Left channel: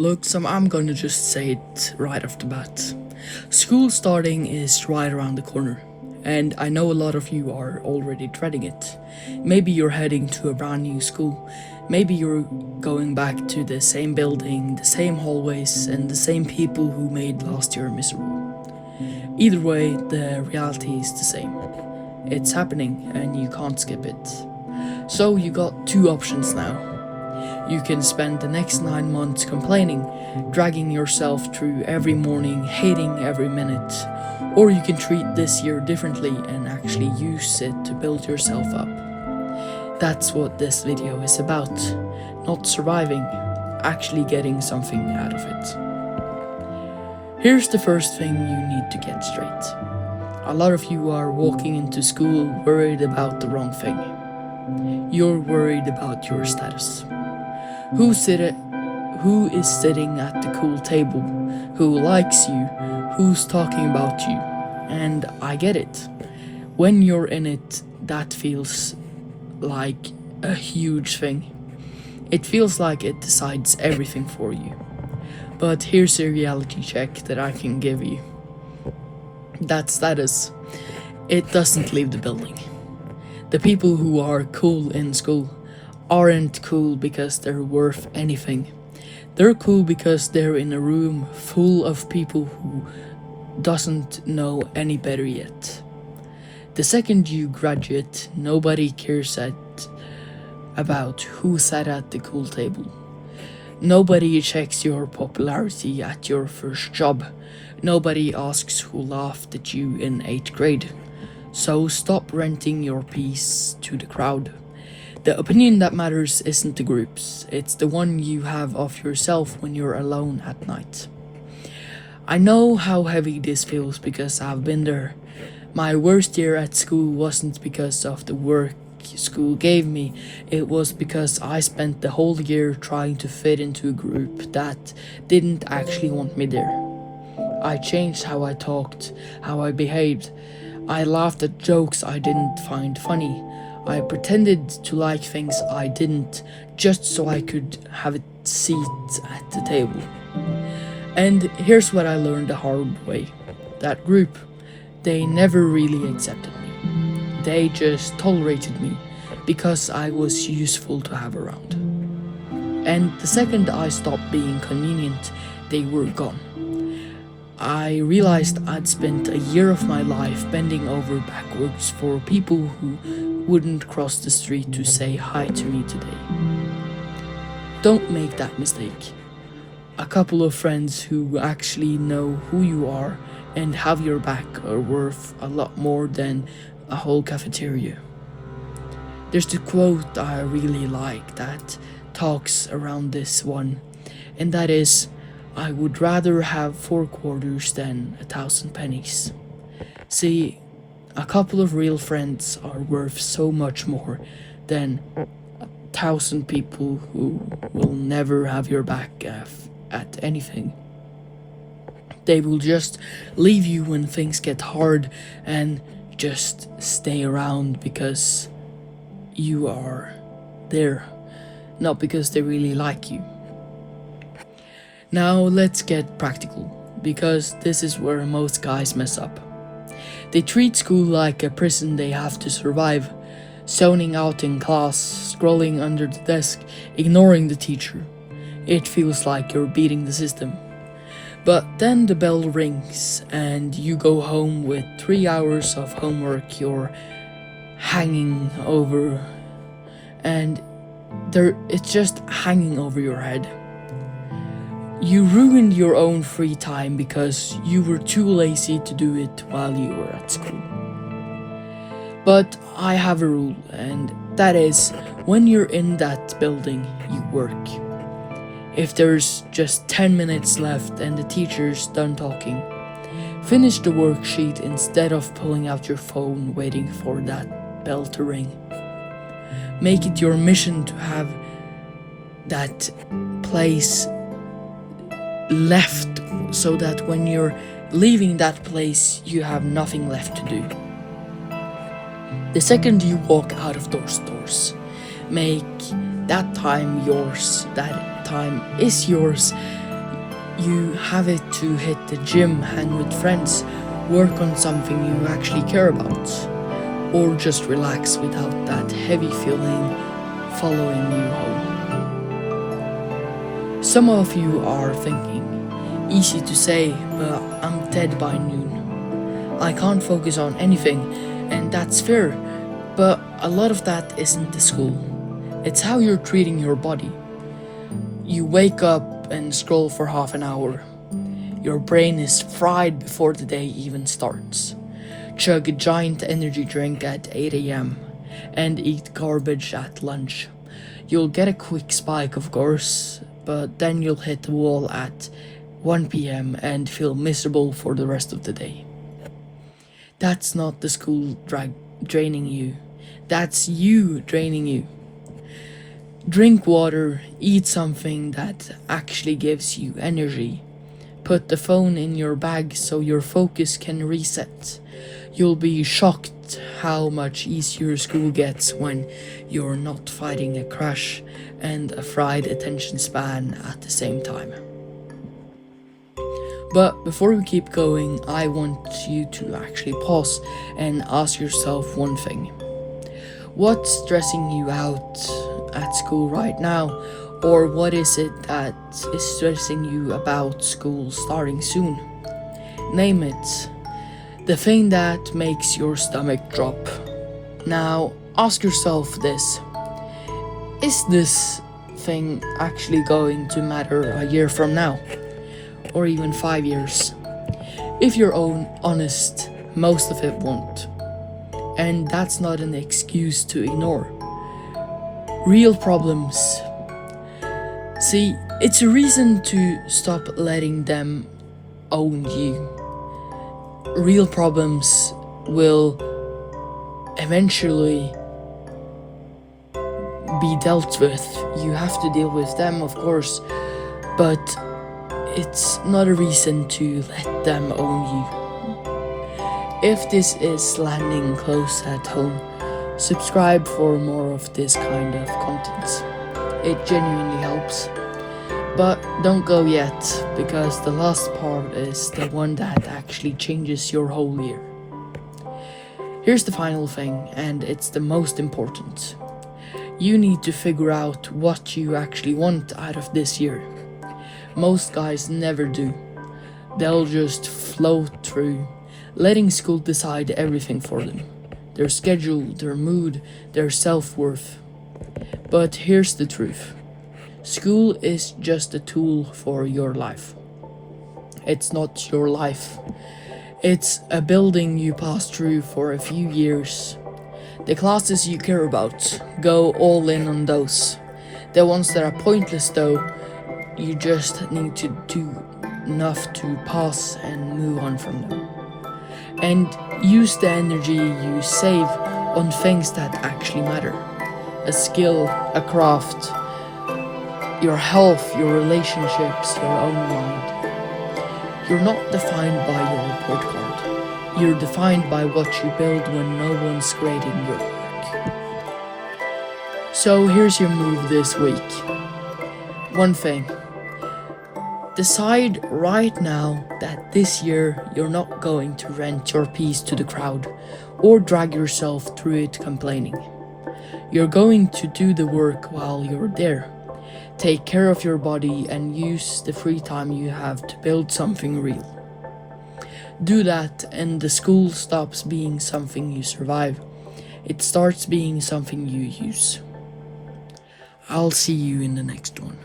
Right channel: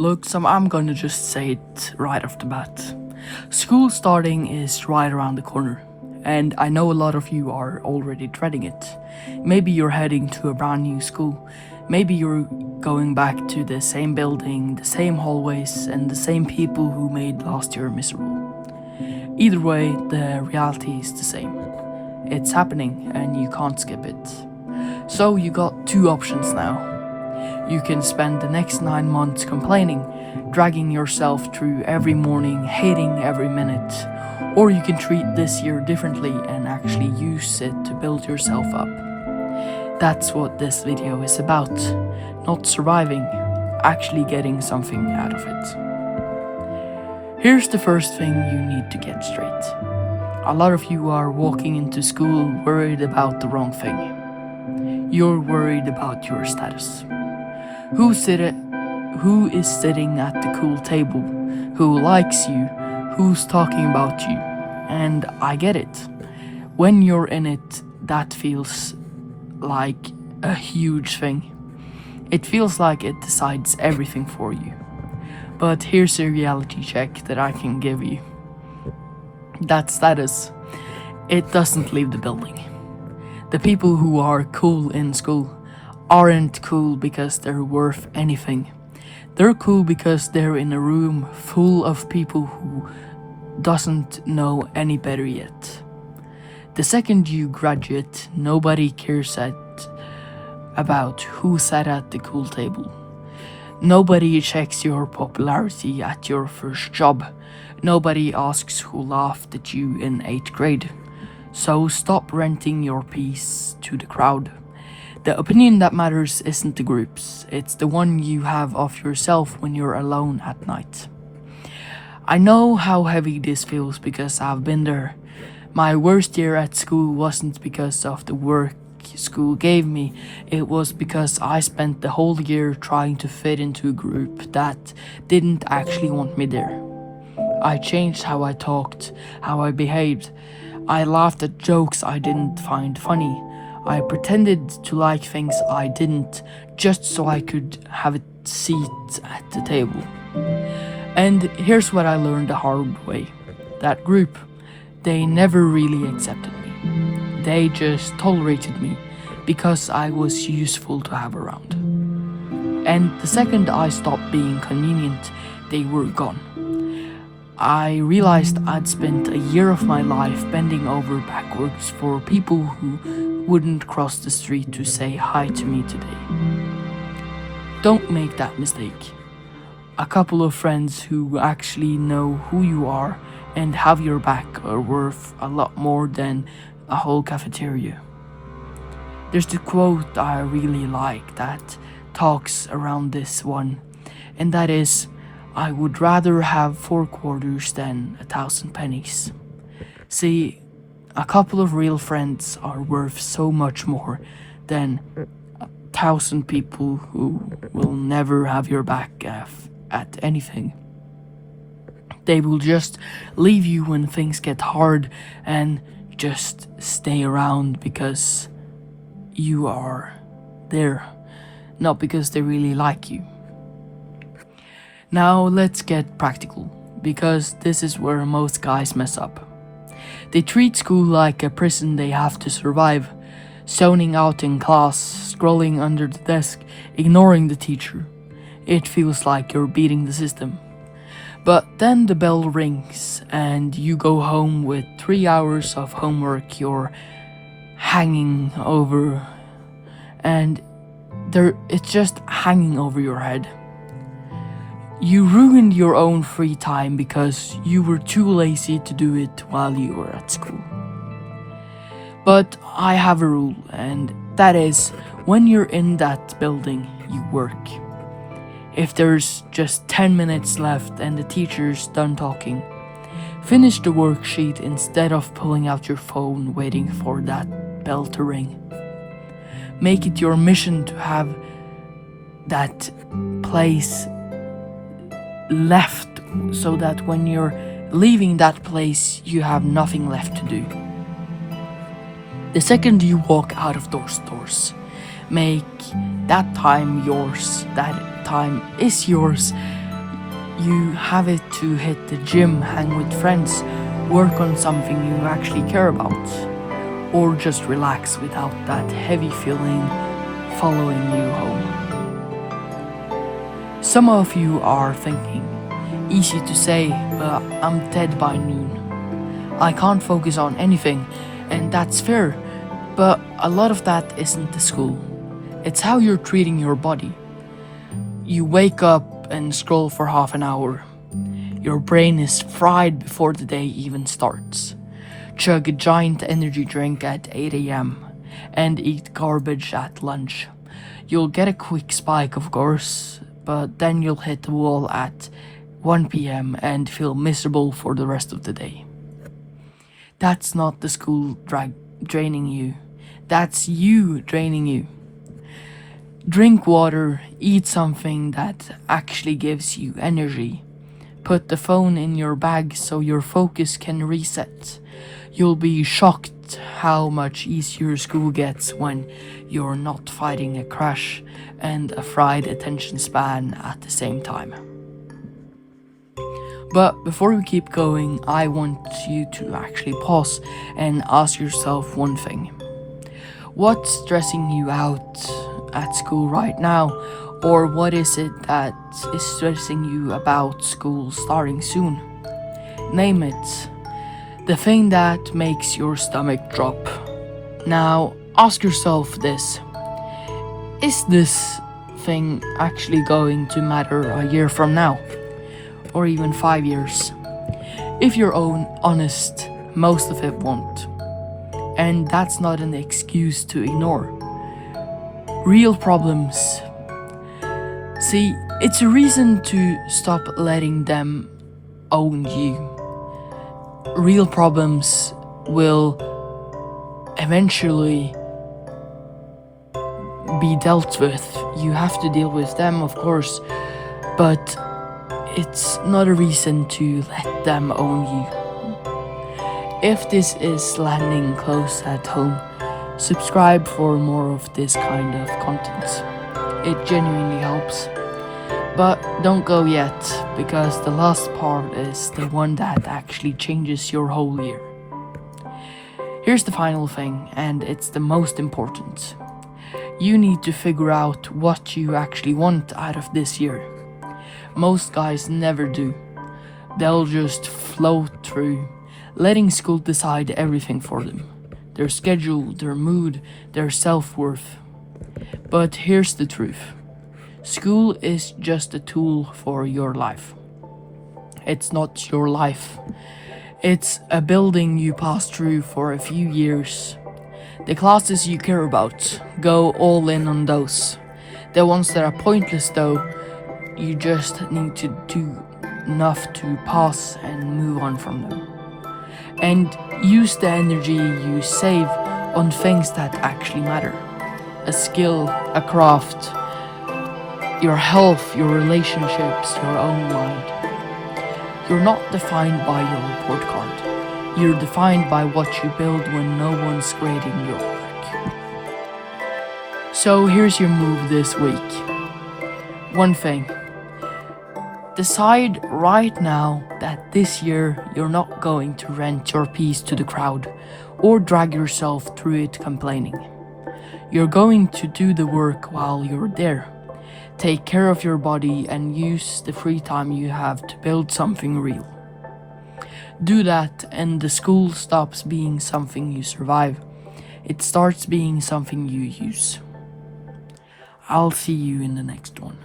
Look, I'm gonna just say it right off the bat. School starting is right around the corner, and I know a lot of you are already dreading it. Maybe you're heading to a brand new school. Maybe you're going back to the same building, the same hallways, and the same people who made last year miserable. Either way, the reality is the same. It's happening, and you can't skip it. So you got two options now. You can spend the next 9 months complaining, dragging yourself through every morning, hating every minute, or you can treat this year differently and actually use it to build yourself up. That's what this video is about. Not surviving, actually getting something out of it. Here's the first thing you need to get straight. A lot of you are walking into school worried about the wrong thing. You're worried about your status. Who is sitting at the cool table? Who likes you? Who's talking about you? And I get it. When you're in it, that feels like a huge thing. It feels like it decides everything for you. But here's a reality check that I can give you. That status, it doesn't leave the building. The people who are cool in school aren't cool because they're worth anything. They're cool because they're in a room full of people who doesn't know any better yet. The second you graduate, nobody cares about who sat at the cool table. Nobody checks your popularity at your first job. Nobody asks who laughed at you in 8th grade. So stop renting your peace to the crowd. The opinion that matters isn't the group's, it's the one you have of yourself when you're alone at night. I know how heavy this feels because I've been there. My worst year at school wasn't because of the work school gave me, it was because I spent the whole year trying to fit into a group that didn't actually want me there. I changed how I talked, how I behaved. I laughed at jokes I didn't find funny. I pretended to like things I didn't, just so I could have a seat at the table. And here's what I learned the hard way. That group, they never really accepted me. They just tolerated me because I was useful to have around. And the second I stopped being convenient, they were gone. I realized I'd spent a year of my life bending over backwards for people who wouldn't cross the street to say hi to me today. Don't make that mistake. A couple of friends who actually know who you are and have your back are worth a lot more than a whole cafeteria. There's the quote I really like that talks around this one, and that is, I would rather have 4 quarters than 1,000 pennies. See, a couple of real friends are worth so much more than 1,000 people who will never have your back at anything. They will just leave you when things get hard and just stay around because you are there, not because they really like you. Now let's get practical, because this is where most guys mess up. They treat school like a prison they have to survive, zoning out in class, scrolling under the desk, ignoring the teacher. It feels like you're beating the system. But then the bell rings and you go home with 3 hours of homework you're hanging over, and it's just hanging over your head. You ruined your own free time because you were too lazy to do it while you were at school. But I have a rule, and that is, when you're in that building, you work. If there's just 10 minutes left and the teacher's done talking, finish the worksheet instead of pulling out your phone waiting for that bell to ring. Make it your mission to have that place left so that when you're leaving that place, you have nothing left to do. The second you walk out of those doors, make that time yours. That time is yours, You have it to hit the gym, hang with friends, work on something you actually care about, or just relax without that heavy feeling following you home. Some of you are thinking, easy to say, but I'm dead by noon. I can't focus on anything, and that's fair, but a lot of that isn't the school. It's how you're treating your body. You wake up and scroll for half an hour. Your brain is fried before the day even starts. Chug a giant energy drink at 8 a.m. and eat garbage at lunch. You'll get a quick spike, of course, but then you'll hit the wall at 1 p.m. and feel miserable for the rest of the day. That's not the school draining you. That's you draining you. Drink water, eat something that actually gives you energy. Put the phone in your bag so your focus can reset. You'll be shocked how much easier school gets when you're not fighting a crash and a fried attention span at the same time. But before we keep going, I want you to actually pause and ask yourself one thing. What's stressing you out at school right now? Or what is it that is stressing you about school starting soon? Name it. The thing that makes your stomach drop. Now, ask yourself this. Is this thing actually going to matter a year from now? Or even 5 years? If you're honest, most of it won't. And that's not an excuse to ignore. Real problems. See, it's a reason to stop letting them own you. Real problems will eventually be dealt with. You have to deal with them, of course, but it's not a reason to let them own you. If this is landing close at home, subscribe for more of this kind of content. It genuinely helps. But don't go yet, because the last part is the one that actually changes your whole year. Here's the final thing, and it's the most important. You need to figure out what you actually want out of this year. Most guys never do. They'll just float through, letting school decide everything for them. Their schedule, their mood, their self-worth. But here's the truth. School is just a tool for your life. It's not your life. It's a building you pass through for a few years. The classes you care about, go all in on those. The ones that are pointless though, you just need to do enough to pass and move on from them. And use the energy you save on things that actually matter. A skill, a craft, your health, your relationships, your own mind. You're not defined by your report card. You're defined by what you build when no one's grading your work. So here's your move this week. One thing. Decide right now that this year you're not going to rent your piece to the crowd or drag yourself through it complaining. You're going to do the work while you're there. Take care of your body and use the free time you have to build something real. Do that and the school stops being something you survive. It starts being something you use. I'll see you in the next one.